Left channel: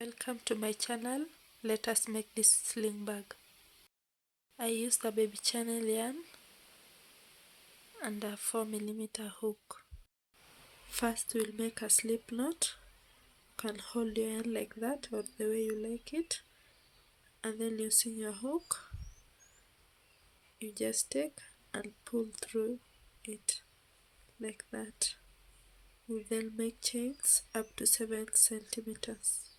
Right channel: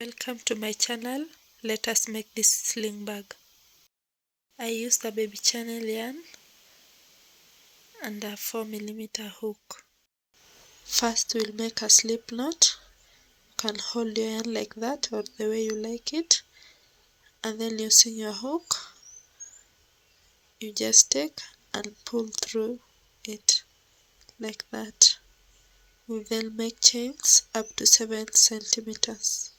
Welcome to my channel. Let us make this sling bag. I used a baby channel yarn and a 4mm hook. First we'll make a slip knot. You can hold your yarn like that or the way you like it, and then using your hook you just take and pull through it like that. We then make chains up to 7 centimeters.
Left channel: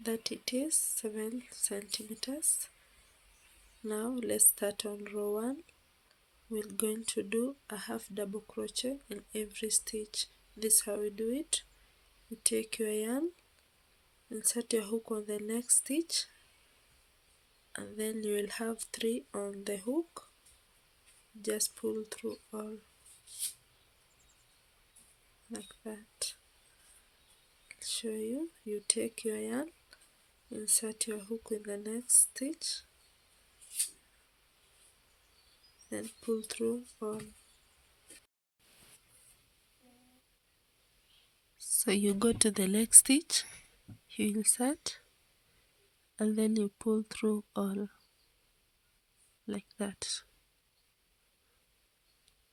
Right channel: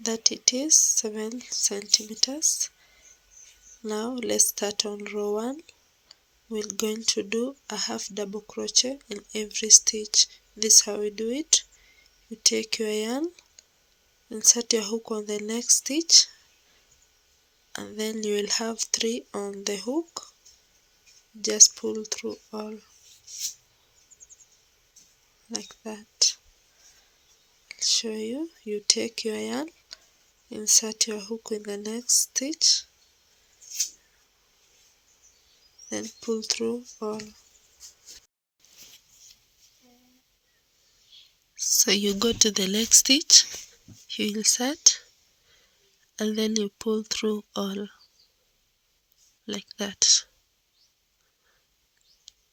That it is 7 centimeters. Now let's start on row 1. We're going to do a half double crochet in every stitch. This is how we do it. You take your yarn, insert your hook on the next stitch, and then you will have 3 on the hook. Just pull through all like that. I'll show you. You take your yarn, insert your hook in the next stitch, then pull through all. So you go to the next stitch, you insert, and then you pull through all like that.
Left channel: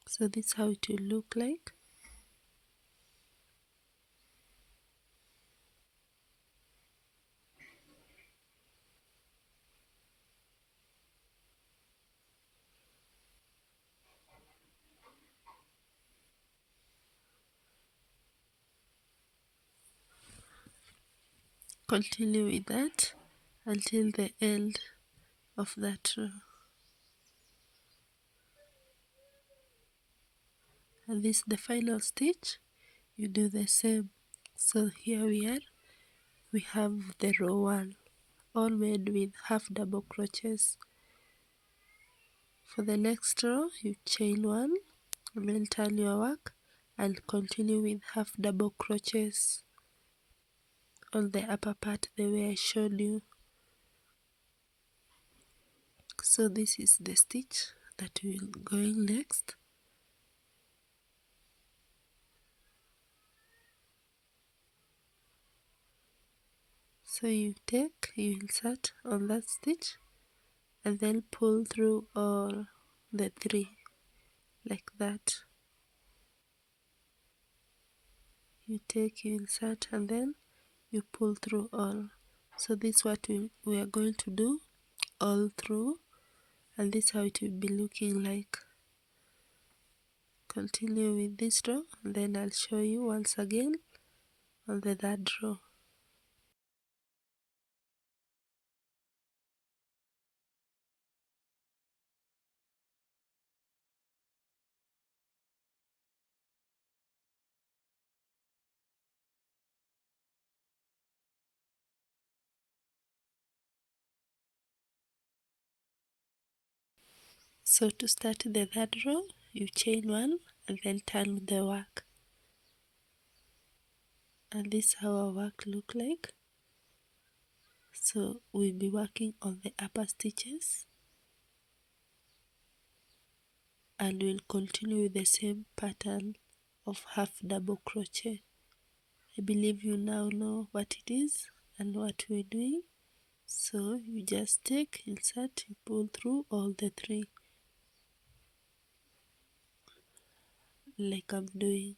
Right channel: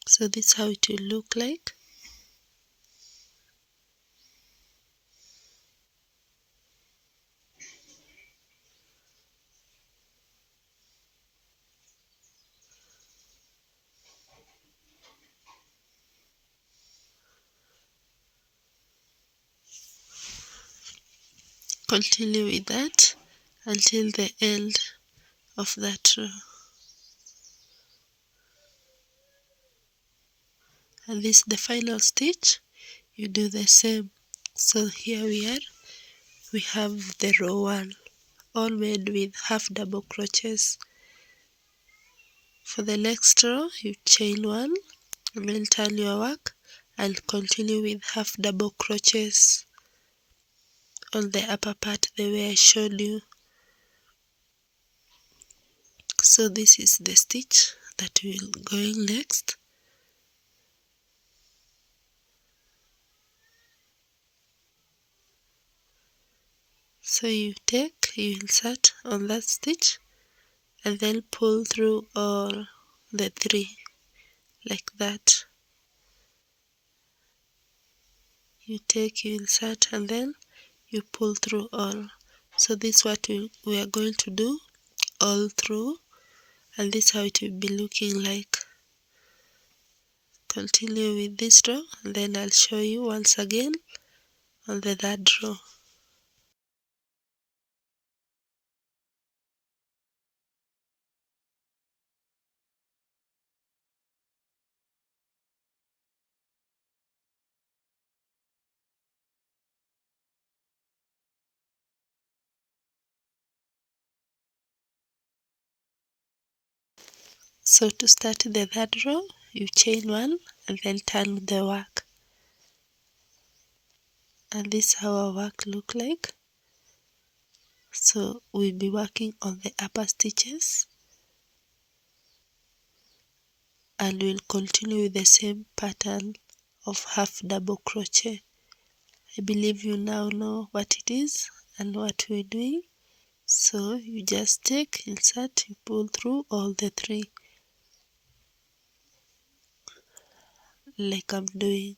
So this is how it will look like. Continue with that until the end of that row. And this is the final stitch. You do the same. So here we are. We have the row 1 all made with half double crochets. For the next row you chain 1 and then turn your work and continue with half double crochets on the upper part the way I showed you. So this is the stitch that will go in next. So you insert on that stitch and then pull through all the 3 like that. You insert and then you pull through all. So this is what we are going to do all through, and this is how it will be looking like. Continue with this row and then I'll show you once again on the third row. So to start the third row, you chain 1 and then turn the work. And this is how our work look like. So we'll be working on the upper stitches and we'll continue with the same pattern of half double crochet. I believe you now know what it is and what we're doing. So you just take, insert, you pull through all the 3 like I'm doing.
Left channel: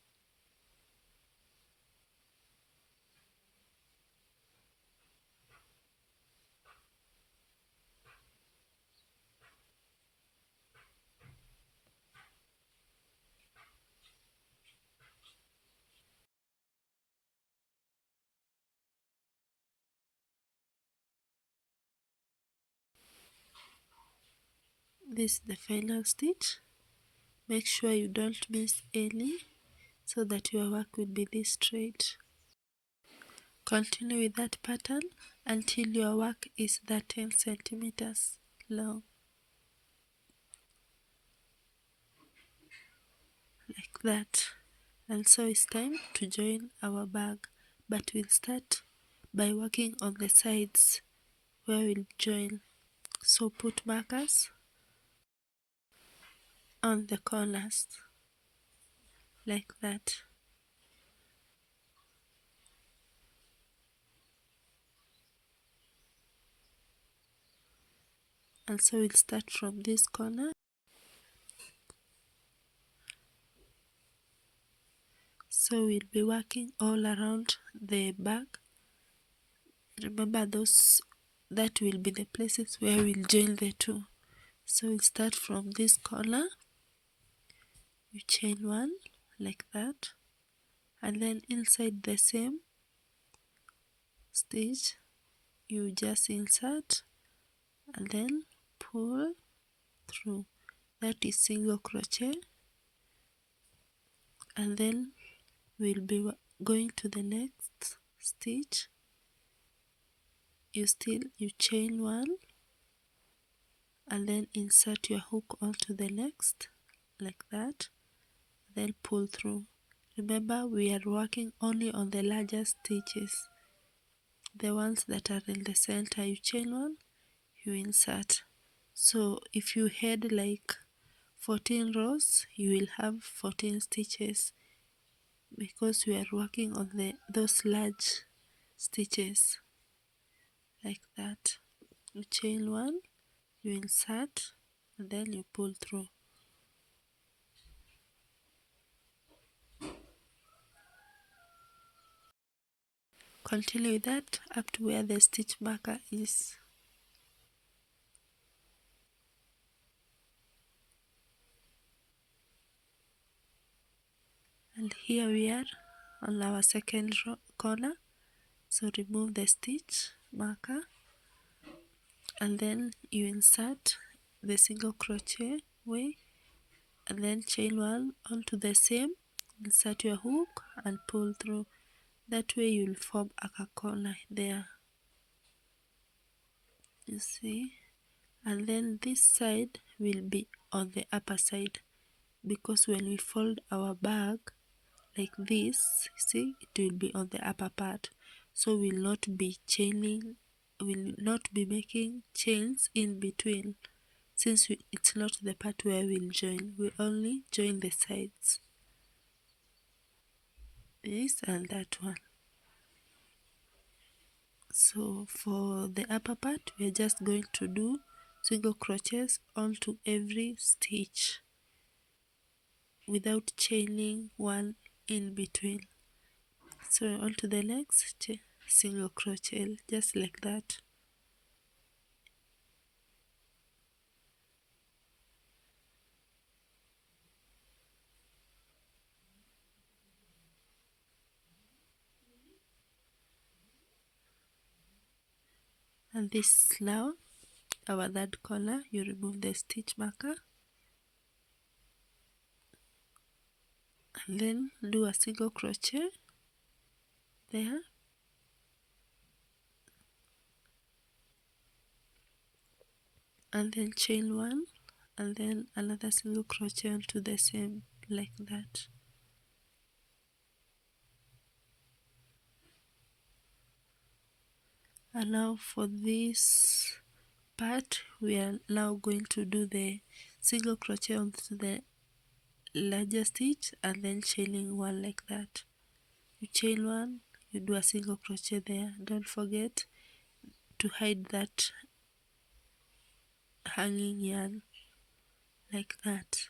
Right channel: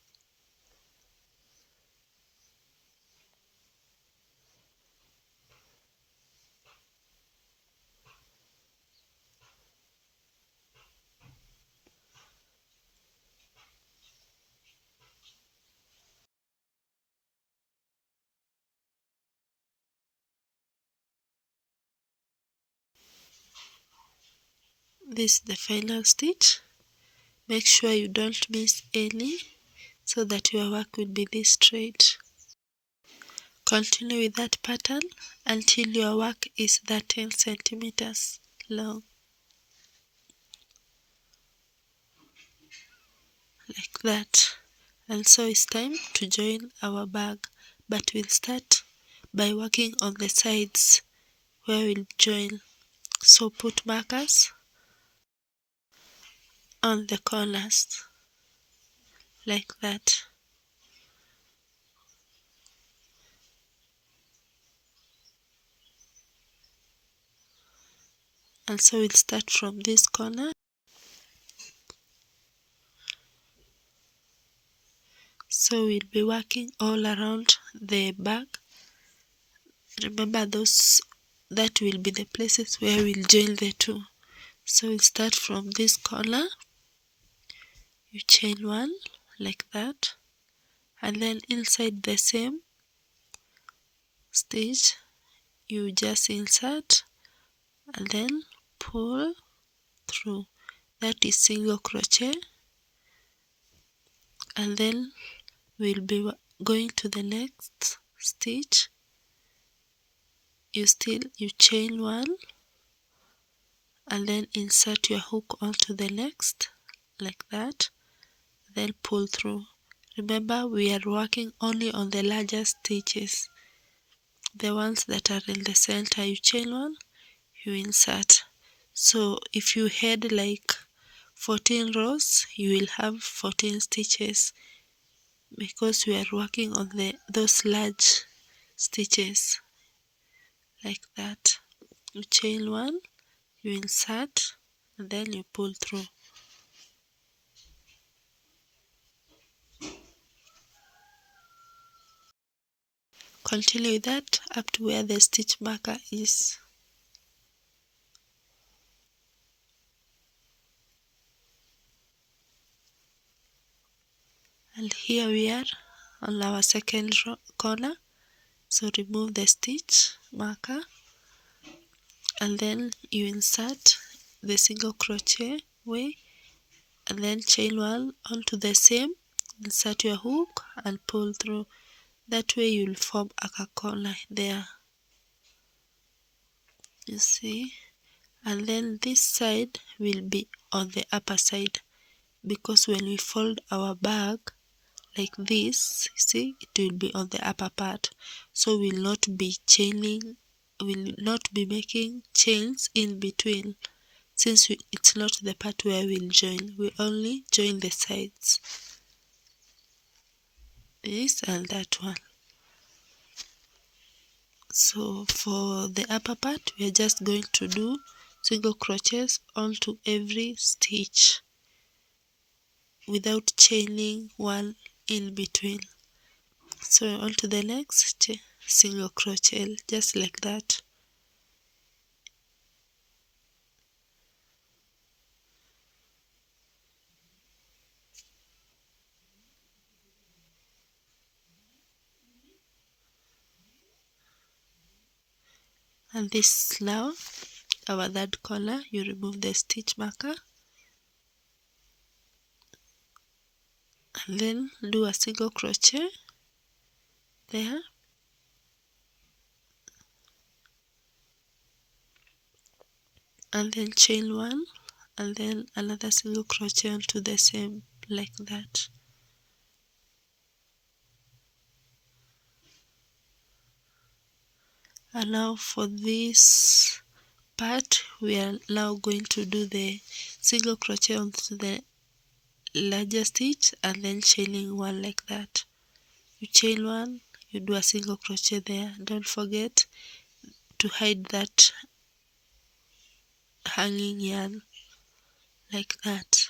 This is the final stitch. Make sure you don't miss any so that your work will be this straight. Continue with that pattern until your work is 13 centimeters long. Like that. And so it's time to join our bag, but we'll start by working on the sides where we'll join. So put markers on the corners like that. And so we'll start from this corner. So we'll be working all around the bag. Remember that will be the places where we'll join the two. So we'll start from this corner. You chain one like that, and then inside the same stitch you just insert and then pull through. That is single crochet, and then we'll be going to the next stitch. You chain one and then insert your hook onto the next like that, then pull through. Remember, we are working only on the larger stitches. The ones that are in the center, you chain one, you insert. So if you had like 14 rows, you will have 14 stitches because we are working on those large stitches like that. You chain one, you insert, and then you pull through. Continue with that up to where the stitch marker is. And here we are on our second corner. So remove the stitch marker and then you insert the single crochet way and then chain one onto the same, insert your hook and pull through. That way you'll form a corner there, you see. And then this side will be on the upper side because when we fold our bag like this, see, it will be on the upper part. So we'll not be making chains in between, since it's not the part where we'll join. We only join the sides, this and that one. So for the upper part, we are just going to do single crochets onto every stitch without chaining one in between. So onto the next single crochet, just like that. And this is now our third corner. You remove the stitch marker and then do a single crochet there, and then chain one and then another single crochet onto the same like that. And now for this part, we are now going to do the single crochet onto the larger stitch and then chaining one like that. You chain one, you do a single crochet there. Don't forget to hide that hanging yarn like that.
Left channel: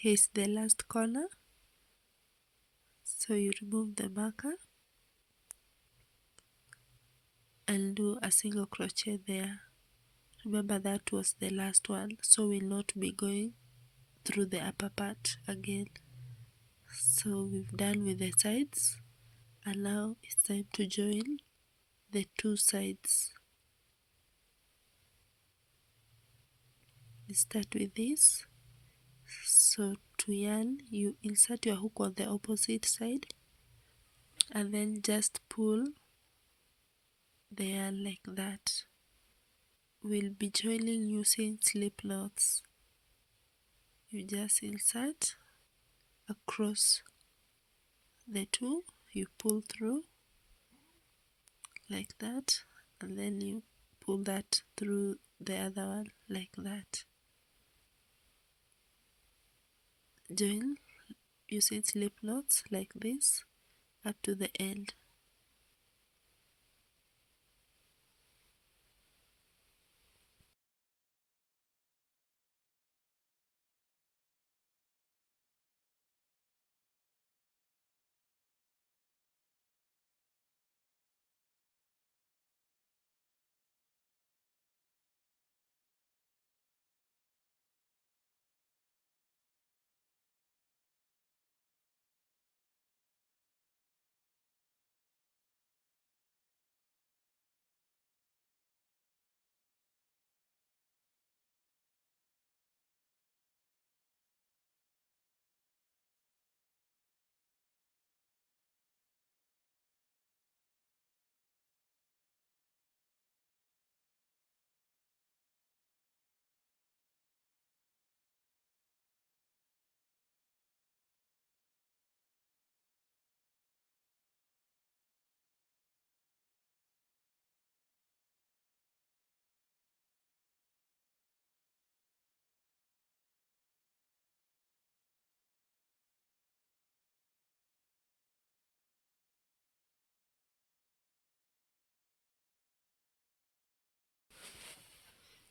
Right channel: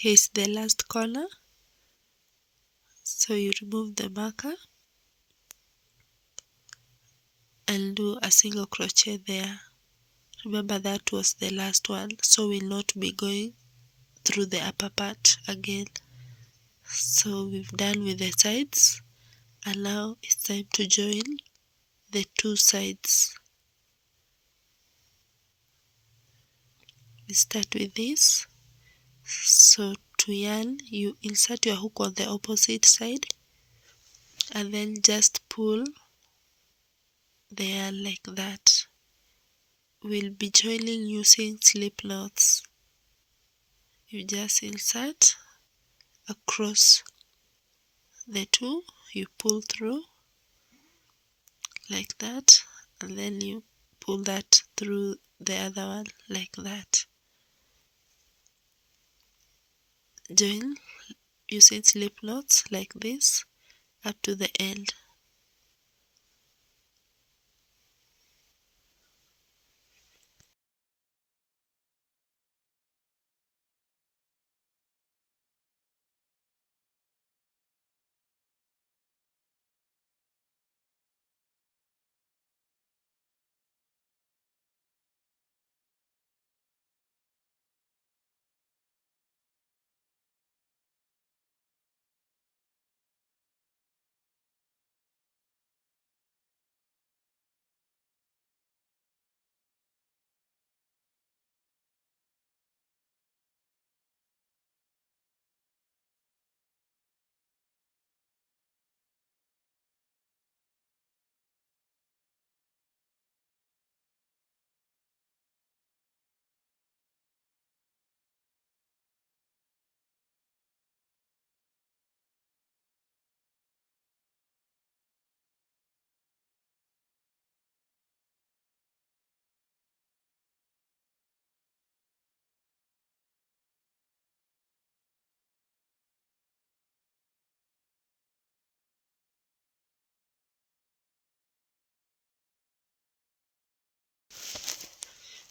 Here's the last corner, so you remove the marker and do a single crochet there. Remember that was the last one, so we'll not be going through the upper part again. So we've done with the sides, and now it's time to join the two sides. We start with this. So to yarn, you insert your hook on the opposite side and then just pull the yarn like that. We'll be joining using slip knots. You just insert across the two, you pull through like that, and then you pull that through the other one like that. Join using slip knots like this up to the end.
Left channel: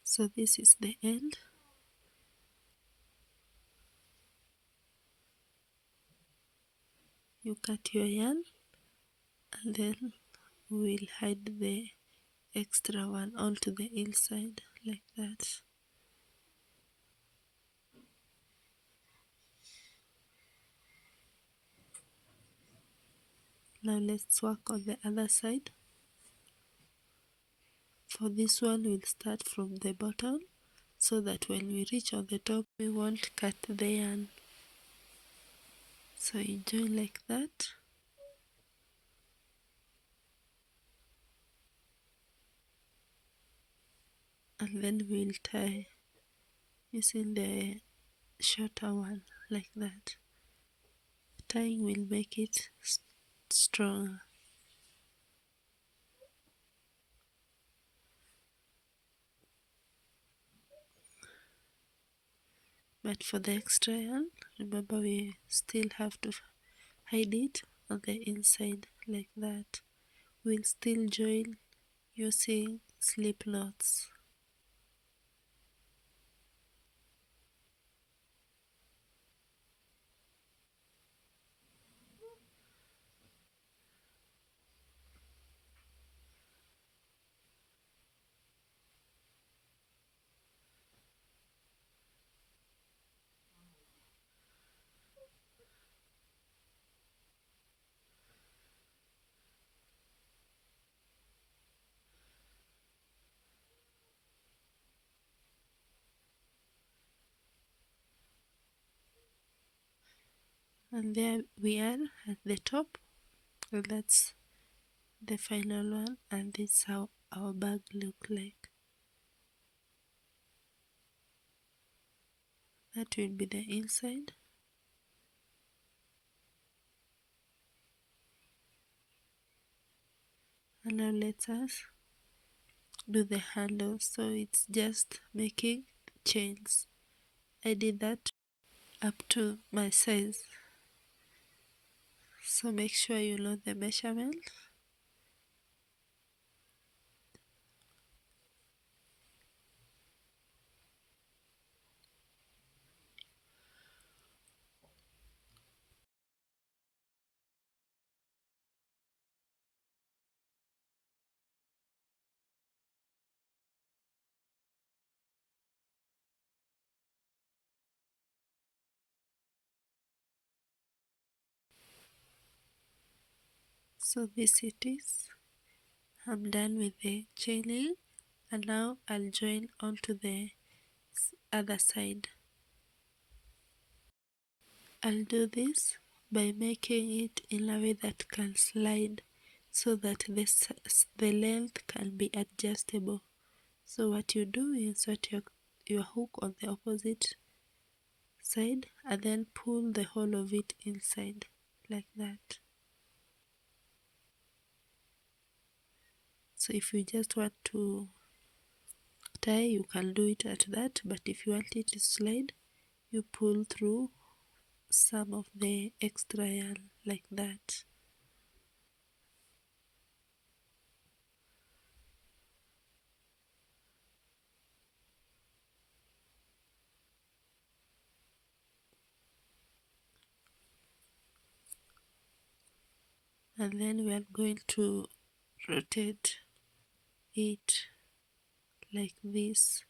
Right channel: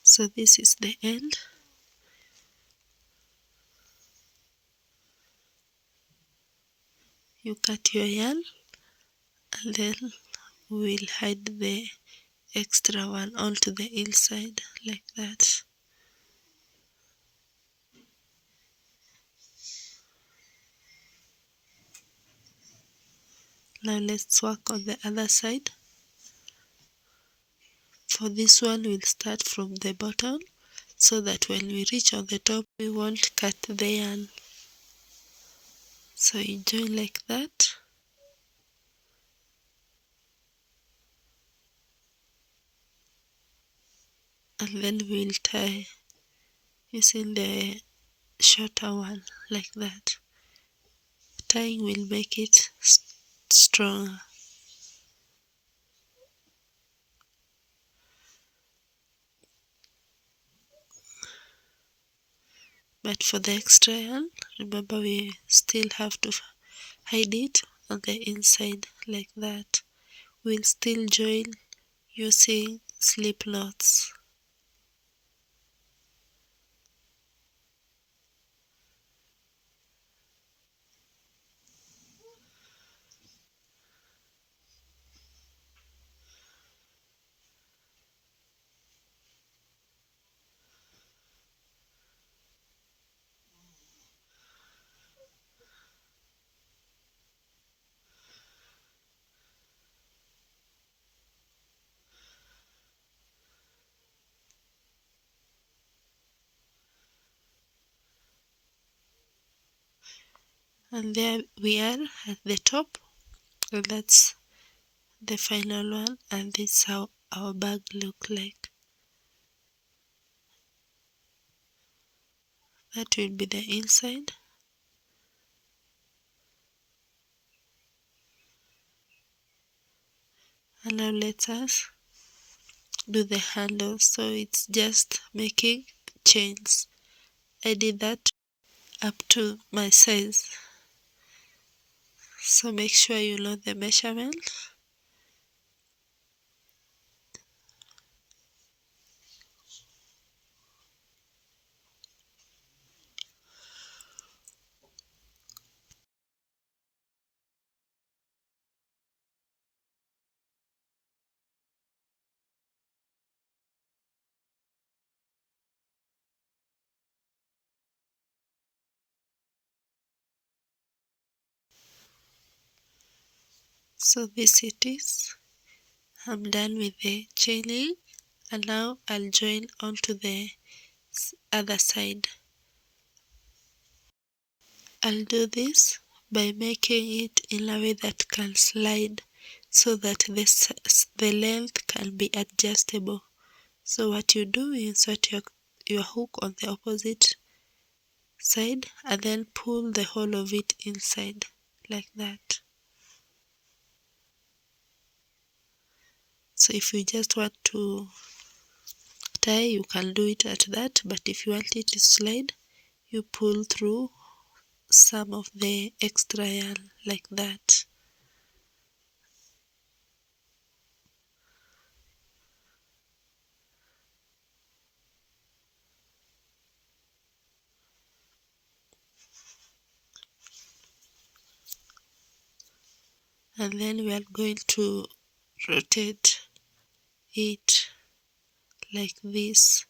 So this is the end. You cut your yarn and then we'll hide the extra one onto the inside like that. Now let's work on the other side. For this one, we'll start from the bottom so that when we reach on the top, we won't cut the yarn. So you join like that. And then we'll tie using the shorter one like that. Tying will make it stronger. But for the extra yarn, remember we still have to hide it on the inside like that. We'll still join using slip knots. And there we are at the top, and that's the final one, and this is how our bag look like. That will be the inside. And now let us do the handle. So it's just making chains. I did that up to my size, so make sure you know the measurement. So this it is. I'm done with the chaining, and now I'll join onto the other side. I'll do this by making it in a way that can slide so that the length can be adjustable. So what you do, you insert your hook on the opposite side and then pull the whole of it inside like that. So if you just want to tie, you can do it at that, but if you want it to slide, you pull through some of the extra yarn like that. And then we are going to rotate it like this.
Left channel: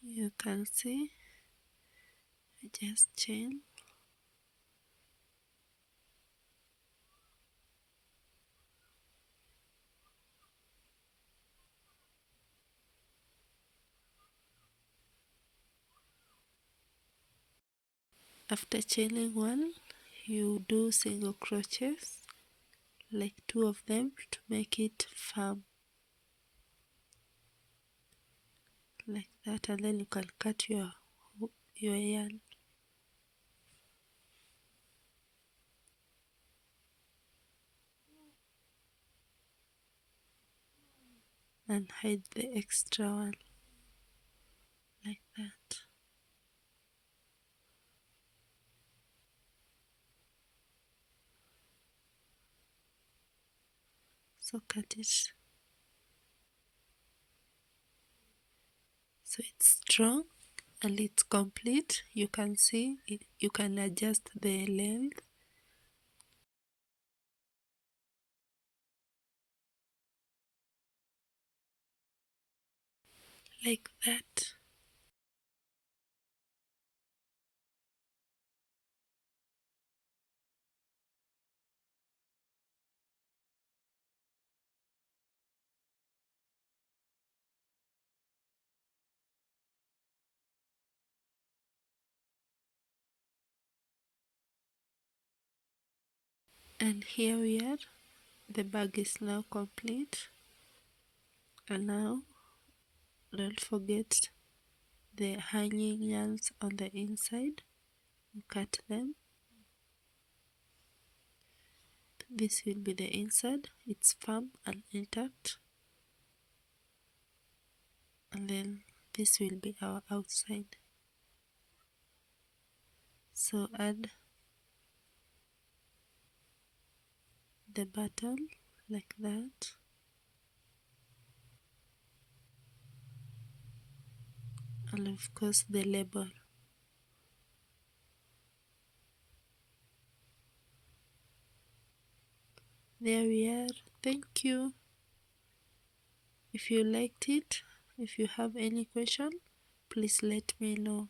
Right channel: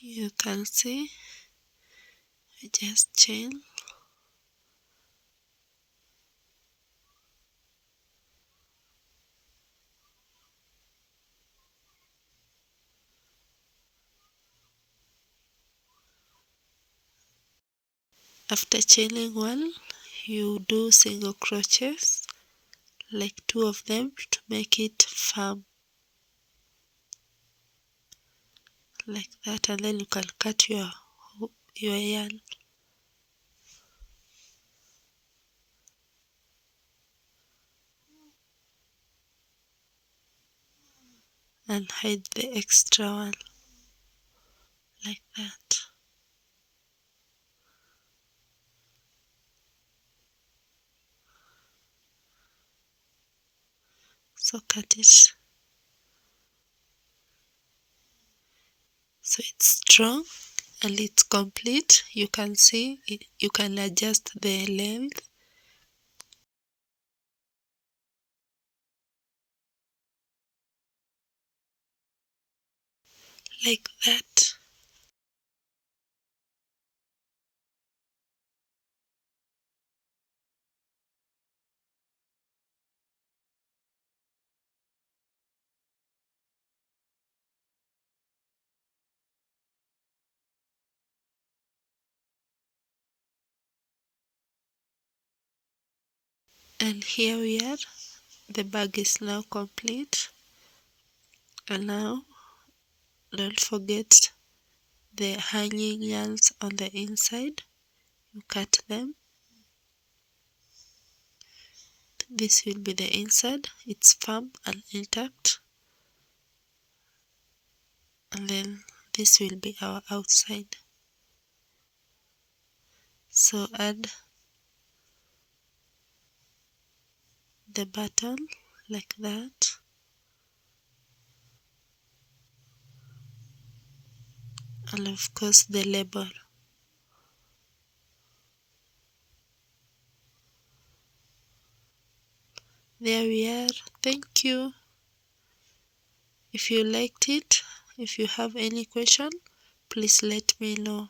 You can see, I just chain. After chaining one, you do single crochets, like 2 of them, to make it firm, like that, and then you can cut your yarn. And hide the extra one, like that. So cut it so it's strong and it's complete. You can see it, you can adjust the length like that. And here we are, the bag is now complete. And now don't forget the hanging yarns on the inside. You cut them. This will be the inside, it's firm and intact. And then this will be our outside. So add the button like that, and of course the label. There we are. Thank you. If you liked it, if you have any question, please let me know.